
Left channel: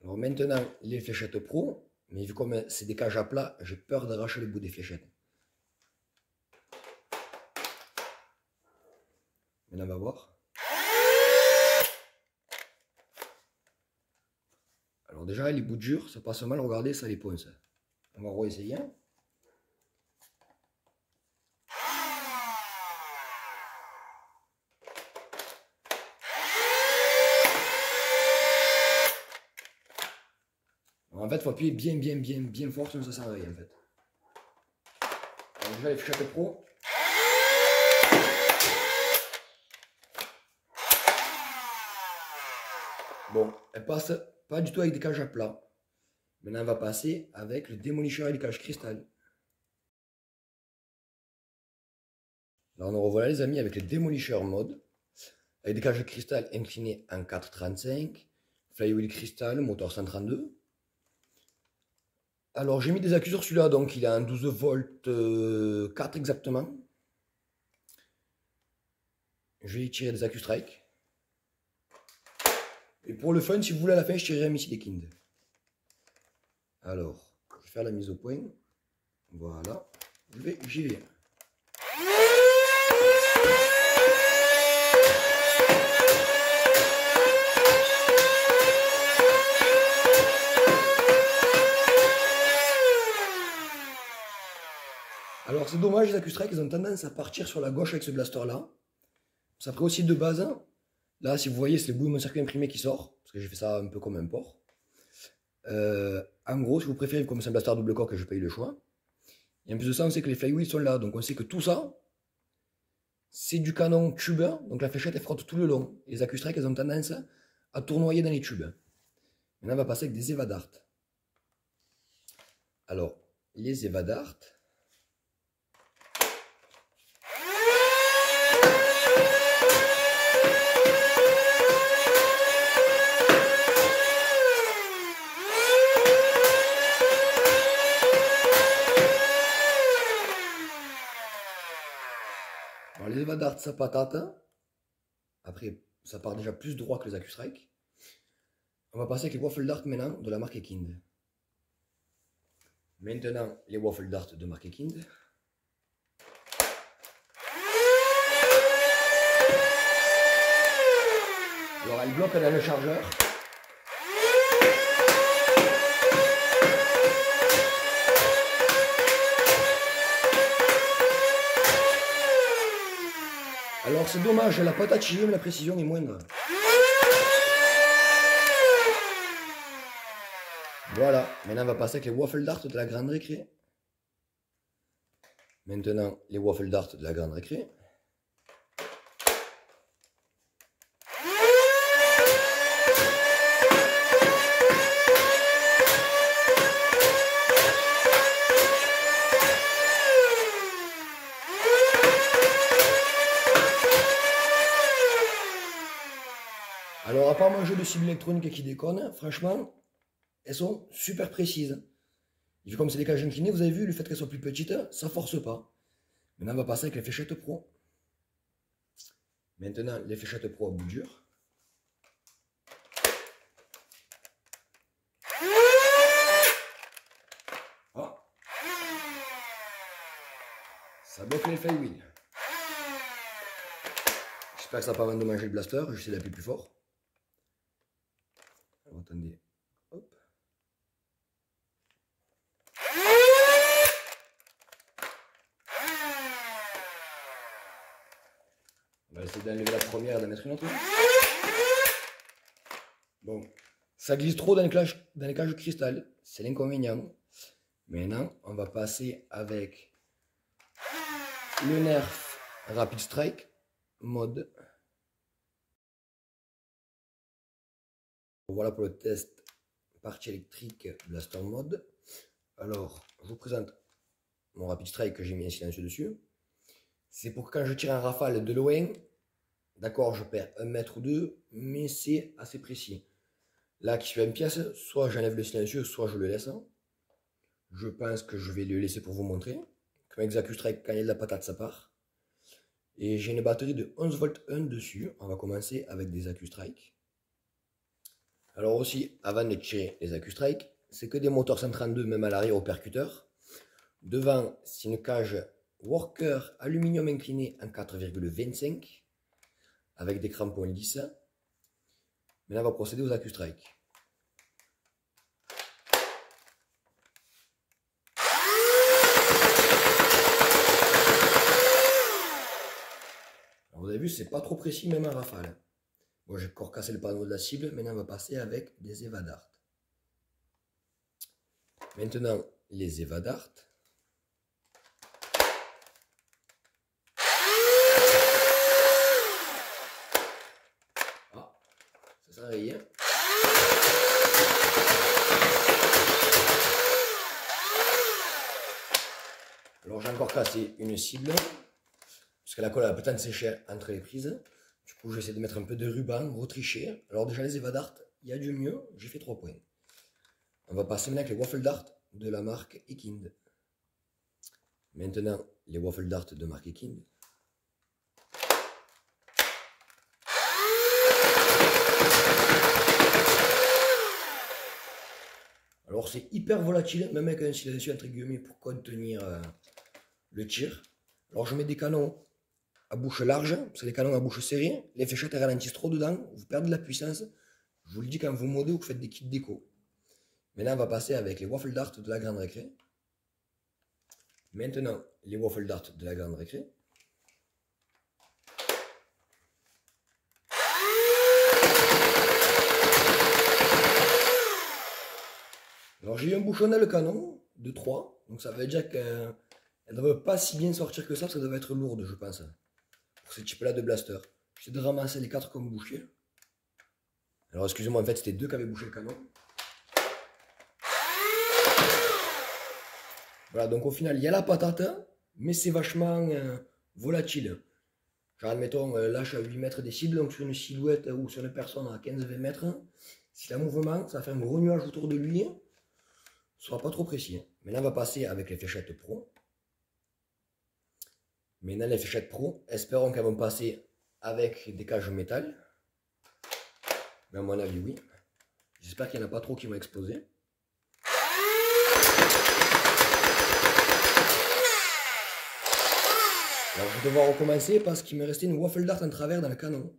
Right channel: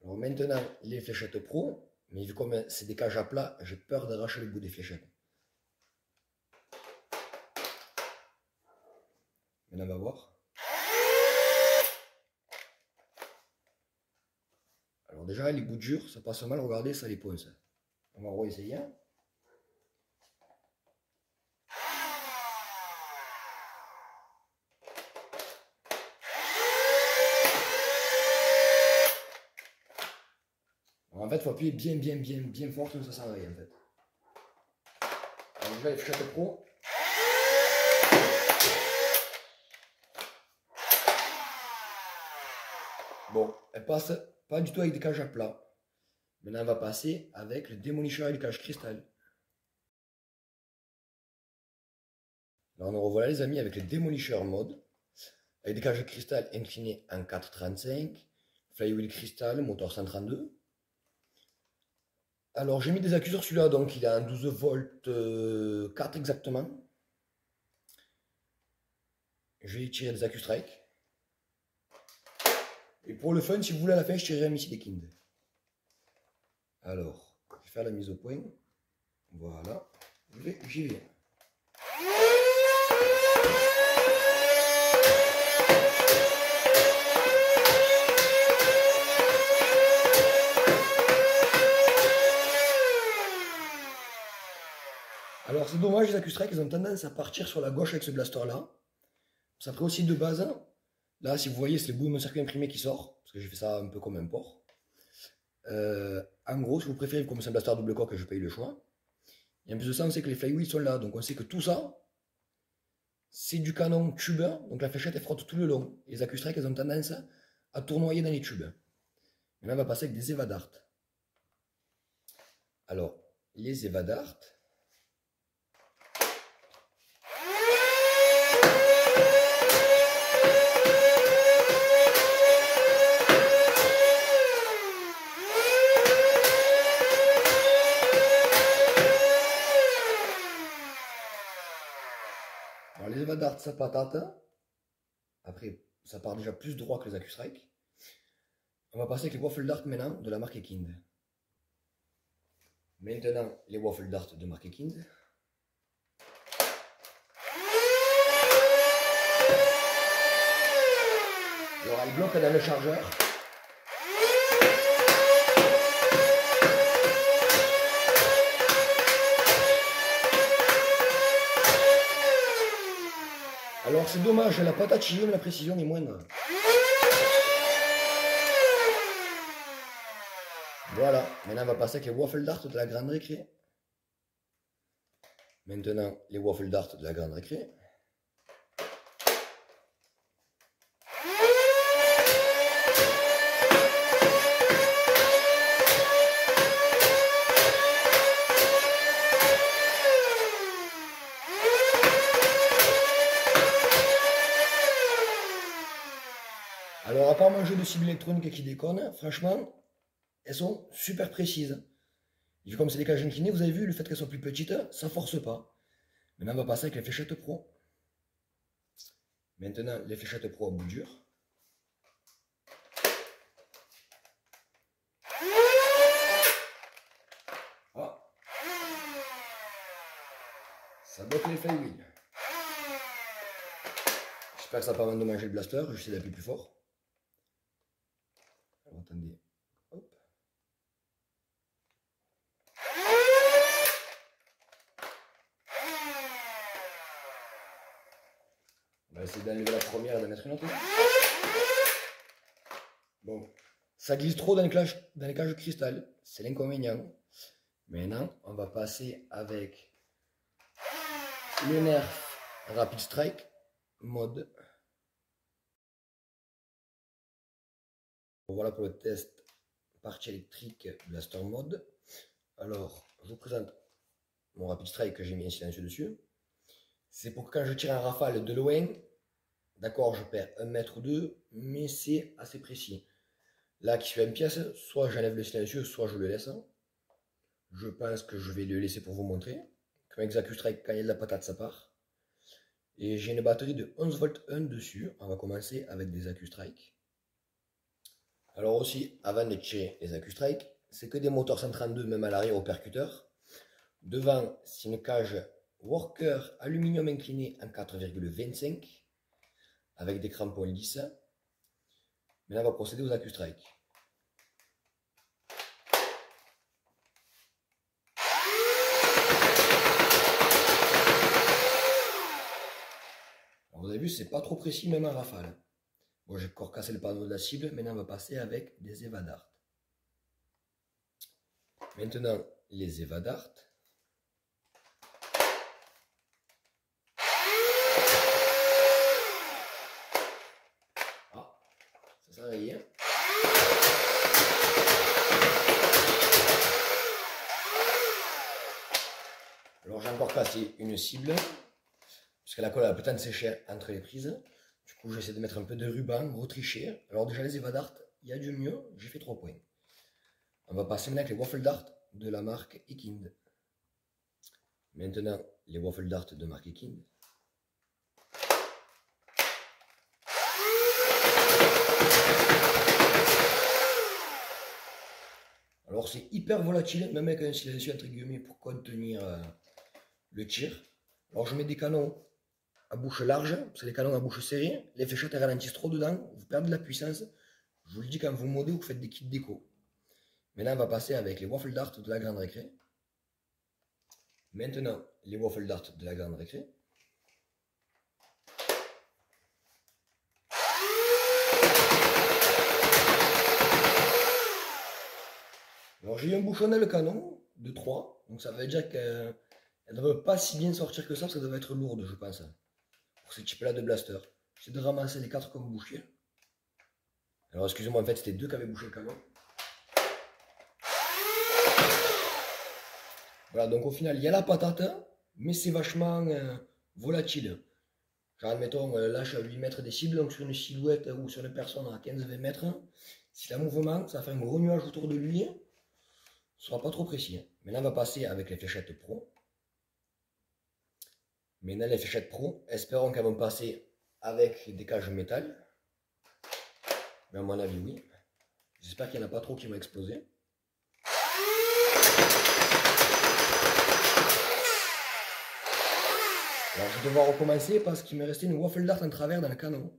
Alors maintenant, les fléchettes pro, mais vu comme c'est des cages à plat, j'ai peur d'arracher le bout des fléchettes. Maintenant, on va voir. Alors déjà, les bouts durs, ça passe mal, regardez, ça les ponce. On va réessayer. En fait, il faut appuyer bien fort, sinon ça sert à rien en fait. Alors déjà, les fléchettes pro. Bon, elles passent pas du tout avec des cages à plat. Maintenant, on va passer avec le démolisseur et les cages cristal. Alors, nous revoilà les amis avec le démolisseur mode. Avec des cages de cristal inclinées en 4,35. Flywheel cristal, moteur 132. Alors j'ai mis des accus sur celui-là, donc il a un 12 volts 4 exactement. Je vais y tirer des accus strike. Et pour le fun, si vous voulez à la fin, je tirerai un missile des Kind. Alors, je vais faire la mise au point. Voilà, j'y vais. Alors c'est dommage, les accus strike, ils ont tendance à partir sur la gauche avec ce blaster là. Ça ferait aussi de base. Là, si vous voyez, c'est le bout de mon circuit imprimé qui sort, parce que j'ai fait ça un peu comme un porc. En gros, si vous préférez, comme c'est un blaster double coque, je n'ai pas eu le choix. Et en plus de ça, on sait que les flywheels sont là, donc on sait que tout ça, c'est du canon tube, donc la fléchette elle frotte tout le long. Les accus strike, elles ont tendance à tournoyer dans les tubes. Maintenant, on va passer avec des Evadart. Alors, les Evadart. Alors, les Evadart, ça patate. Après, ça part déjà plus droit que les accus strike. On va passer avec les waffle dart maintenant de la marque Kind. Maintenant, les waffle dart de marque Kind. Alors, elle bloque, elle a le chargeur. Alors, c'est dommage, la patate chillée, mais la précision est moindre. Voilà, maintenant on va passer avec les waffle dart de la grande récré. Maintenant, les waffle dart de la grande récré. Alors, à part manger de cible électronique qui déconne, franchement, elles sont super précises. Et vu comme c'est des cages inclinées, vous avez vu, le fait qu'elles soient plus petites, ça force pas. Maintenant, on va passer avec les fléchettes pro. Maintenant, les fléchettes pro à bout dur. bloque les flywheels. J'espère que ça va pas endommager le blaster, je vais essayer d'appuyer plus fort. Alors, attendez. Hop. On va essayer d'enlever la première et de mettre une autre. Bon, ça glisse trop dans les cages de cristal, c'est l'inconvénient. Maintenant, on va passer avec le Nerf Rapid Strike mode. Voilà pour le test partie électrique Blaster mode. Alors, je vous présente mon Rapid Strike que j'ai mis un silencieux dessus. C'est pour que quand je tire un rafale de loin, d'accord, je perds 1 mètre ou 2, mais c'est assez précis. Là, qui suis à une pièce, soit j'enlève le silencieux, soit je le laisse. Je pense que je vais le laisser pour vous montrer. Comme avec Strike, quand il y a de la patate, ça part. Et j'ai une batterie de 11 volts 1 dessus. On va commencer avec des Strike. Alors aussi, avant de tirer les Strike, c'est que des moteurs 132, même à l'arrière au percuteur. Devant, c'est une cage Worker aluminium incliné en 4,25 avec des crampons lisses. Mais là, on va procéder aux Strike. Alors, vous avez vu, c'est pas trop précis même en rafale. Bon, j'ai encore cassé le panneau de la cible. Maintenant, on va passer avec des Evadart. Maintenant, les Evadart. Ah, ça sert à rien. Alors, j'ai encore cassé une cible. Parce que la colle a peut-être séché entre les prises. Du coup, j'essaie de mettre un peu de ruban, retricher. Alors déjà, les Evadart, il y a du mieux. J'ai fait 3 points. On va passer maintenant avec les Waffle Dart de la marque Ekind. Maintenant, les Waffle Dart de marque Ekind. Alors, c'est hyper volatile, même avec un silencieux entre guillemets pour contenir le tir. Alors, je mets des canons à bouche large, parce que les canons à bouche serrée, les fléchettes ralentissent trop dedans, vous perdez de la puissance. Je vous le dis quand vous modez ou que vous faites des kits déco. Maintenant, on va passer avec les Waffle Dart de la grande récré. Maintenant, les Waffle Dart de la grande récré. Alors, j'ai eu un bouchon dans le canon de 3, donc ça veut dire qu'elle ne devrait pas si bien sortir que ça, parce qu'elle devrait être lourde, je pense, pour ce type-là de blaster. J'essaie de ramasser les 4 comme bouchés. Alors, excusez-moi, en fait, c'était 2 qui avaient bouché le canon. Voilà, donc au final, il y a la patate, mais c'est vachement volatile. Genre, admettons, là, je suis à 8 mètres des cibles, donc sur une silhouette ou sur une personne à 15-20 mètres, si la mouvement, ça va faire un gros nuage autour de lui, ce sera pas trop précis. Maintenant, on va passer avec les fléchettes pro. Maintenant, les fléchettes pro, espérons qu'elles vont passer avec des cages métal. Mais à mon avis, oui. J'espère qu'il n'y en a pas trop qui vont exploser. Alors, je vais devoir recommencer parce qu'il me restait une Waffle Dart en travers dans le canon.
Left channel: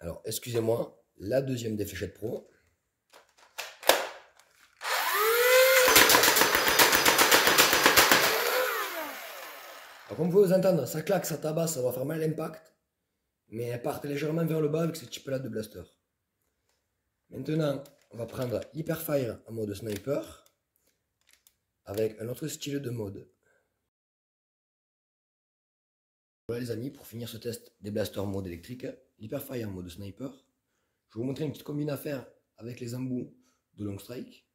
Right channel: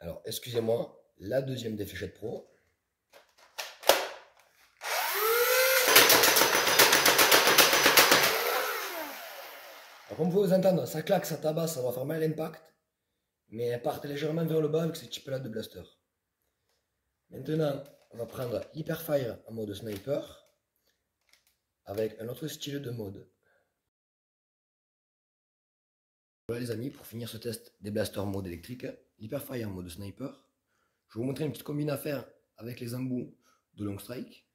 Alors, excusez-moi, la deuxième des fléchettes pro. Alors, comme vous pouvez vous entendre, ça claque, ça tabasse, ça va faire mal l'impact. Mais elle part légèrement vers le bas avec ce type-là de blaster. Maintenant, on va prendre Hyperfire en mode sniper avec un autre style de mode. Voilà les amis, pour finir ce test des blasters mode électrique, l'Hyperfire en mode sniper, je vais vous montrer une petite combine à faire avec les embouts de long strike.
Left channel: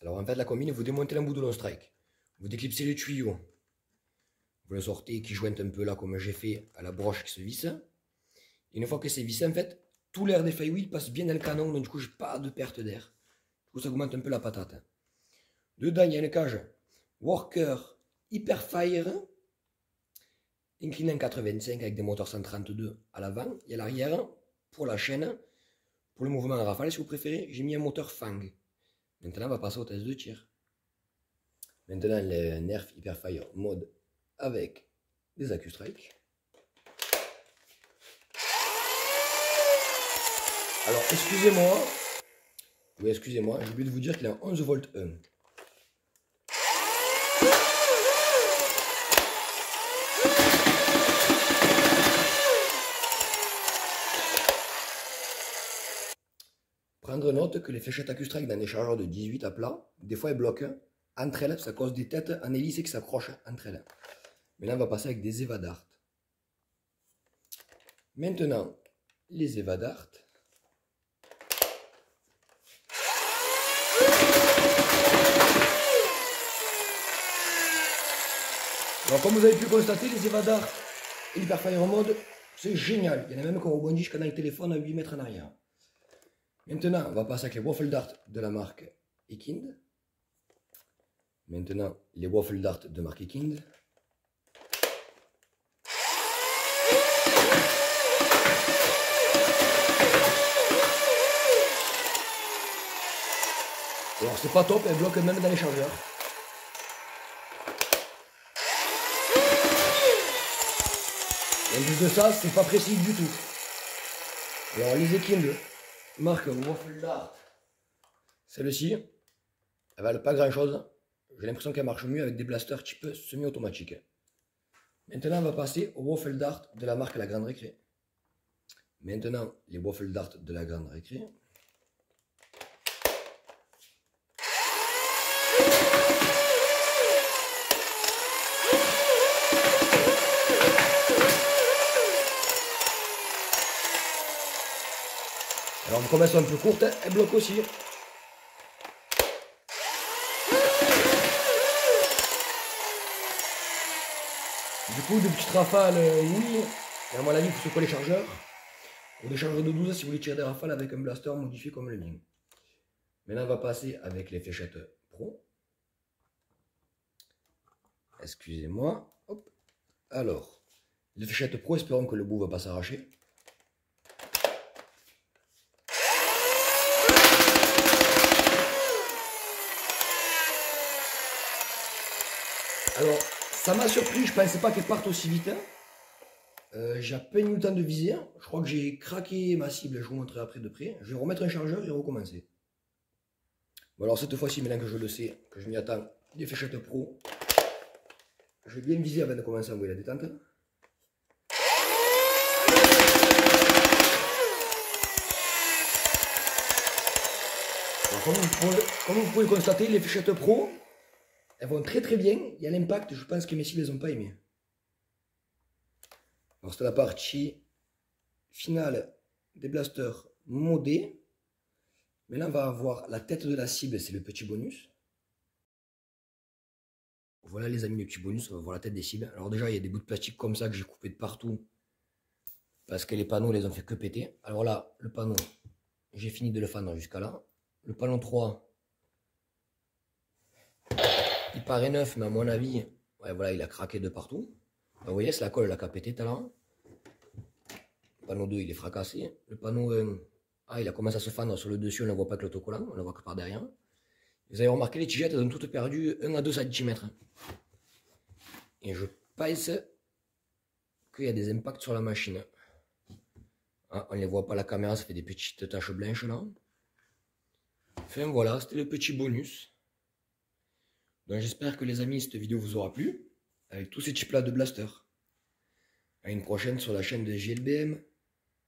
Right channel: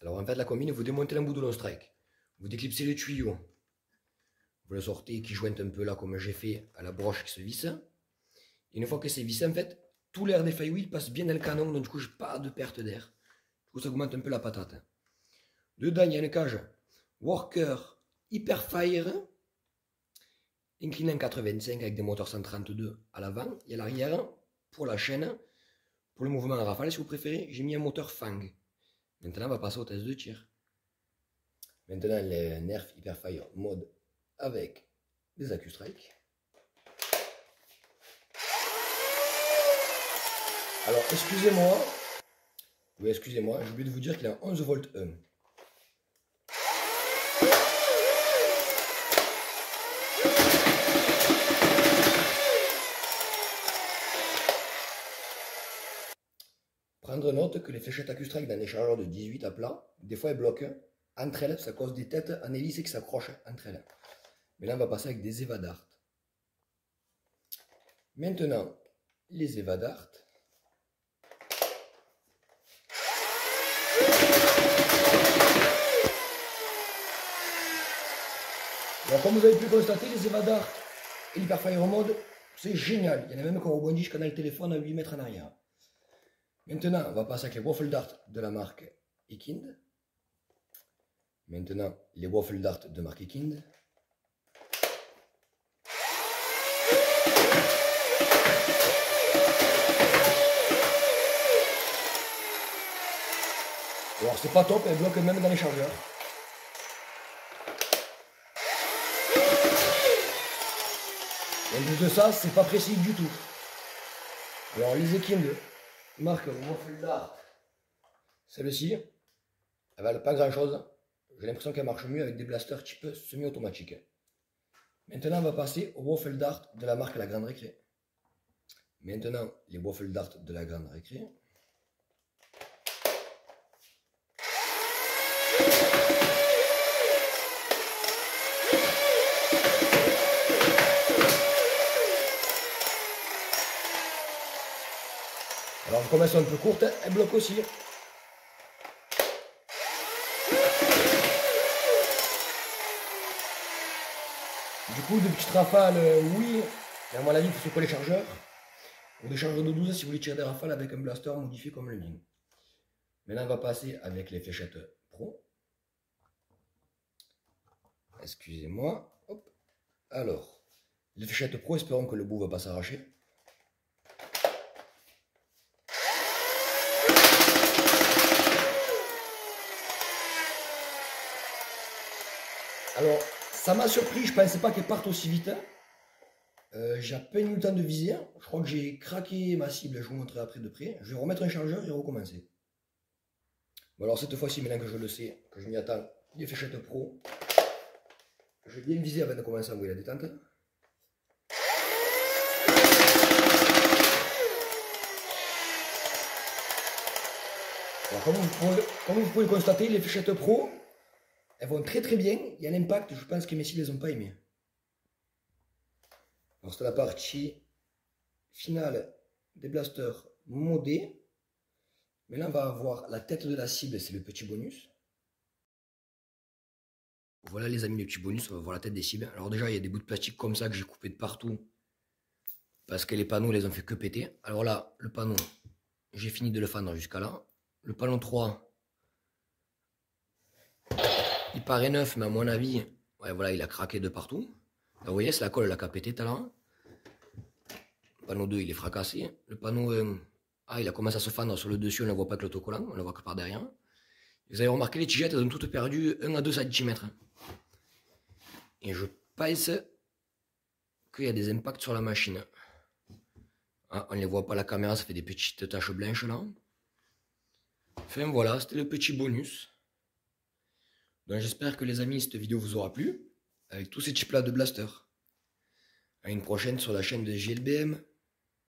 Alors en fait la combine, vous démontez l'embout de long strike, vous déclipsez le tuyau, vous le sortez qui jointe un peu là comme j'ai fait à la broche qui se visse. Et une fois que c'est vissé, en fait, tout l'air des flywheels passe bien dans le canon, donc du coup j'ai pas de perte d'air. Du coup ça augmente un peu la patate. Dedans il y a une cage Worker Hyperfire incliné en 4,25 avec des moteurs 132 à l'avant et à l'arrière pour la chaîne. Pour le mouvement en rafale, si vous préférez, j'ai mis un moteur Fang. Maintenant, on va passer au test de tir. Maintenant, les Nerf Hyperfire mode avec des AccuStrike. Alors, excusez-moi. Oui, excusez-moi, j'ai oublié de vous dire qu'il a 11 volts 1. Prendre note que les fléchettes AccuStrike dans des chargeurs de 18 à plat, des fois elles bloquent entre elles, ça cause des têtes en hélice qui s'accrochent entre elles. Mais là, on va passer avec des EVA-DART. Maintenant, les EVA-DART. Alors, comme vous avez pu constater, les EVA-DART et l'Hyperfire Mode, c'est génial. Il y en a même qui rebondissent jusqu'à dans le téléphone à 8 mètres en arrière. Maintenant, on va passer avec les Waffle Dart de la marque Ekind. Maintenant, les Waffle Dart de marque Ekind. Alors, c'est pas top, elles bloquent même dans les chargeurs. Et en plus de ça, c'est pas précis du tout. Alors, les Ekind, marque Waffle Dart, celle-ci, elle valent pas grand chose. J'ai l'impression qu'elle marche mieux avec des blasters type semi-automatique. Maintenant, on va passer aux Waffle Dart de la marque La Grande Récré. Maintenant, les Waffle Dart de la Grande Récré. Alors, comme elles sont un peu courtes, elles bloquent aussi. Du coup, de petites rafales, oui. Mais à mon avis, il faut secouer les chargeurs. Ou des chargeurs de 12 si vous voulez tirer des rafales avec un blaster modifié comme le mien. Maintenant, on va passer avec les fléchettes Pro. Excusez-moi. Hop. Alors, les fléchettes Pro, espérons que le bout ne va pas s'arracher. Alors, ça m'a surpris, je ne pensais pas qu'elle parte aussi vite. J'ai à peine eu le temps de viser. Je crois que j'ai craqué ma cible, je vous montrerai après de près. Je vais remettre un chargeur et recommencer. Bon alors cette fois-ci, maintenant que je le sais, que je m'y attends, les fléchettes Pro. Je vais bien viser avant de commencer à envoyer la détente. Alors comme vous pouvez le constater, les fléchettes Pro, elles vont très très bien. Il y a l'impact, je pense que mes cibles, elles n'ont pas aimé. Alors c'est la partie finale des blasters modés. Mais là on va avoir la tête de la cible, c'est le petit bonus. Voilà les amis, le petit bonus, on va voir la tête des cibles. Alors déjà il y a des bouts de plastique comme ça que j'ai coupé de partout. Parce que les panneaux les ont fait que péter. Alors là, le panneau, j'ai fini de le fendre jusqu'à là. Le panneau 3, il paraît neuf, mais à mon avis, ouais, voilà, il a craqué de partout. Donc, vous voyez, c'est la colle là, qui a pété tout à l'heure. Le panneau 2, il est fracassé. Le panneau 1, ah, il a commencé à se fendre sur le dessus, on ne voit pas que l'autocollant, on ne le voit que par derrière. Vous avez remarqué, les tigettes, elles ont toutes perdu 1 à 2 cm. Et je pense qu'il y a des impacts sur la machine. Ah, on ne les voit pas à la caméra, ça fait des petites taches blanches là. Enfin voilà, c'était le petit bonus. Donc j'espère que les amis, cette vidéo vous aura plu. Avec tous ces types là de blaster. À une prochaine sur la chaîne de JLBM.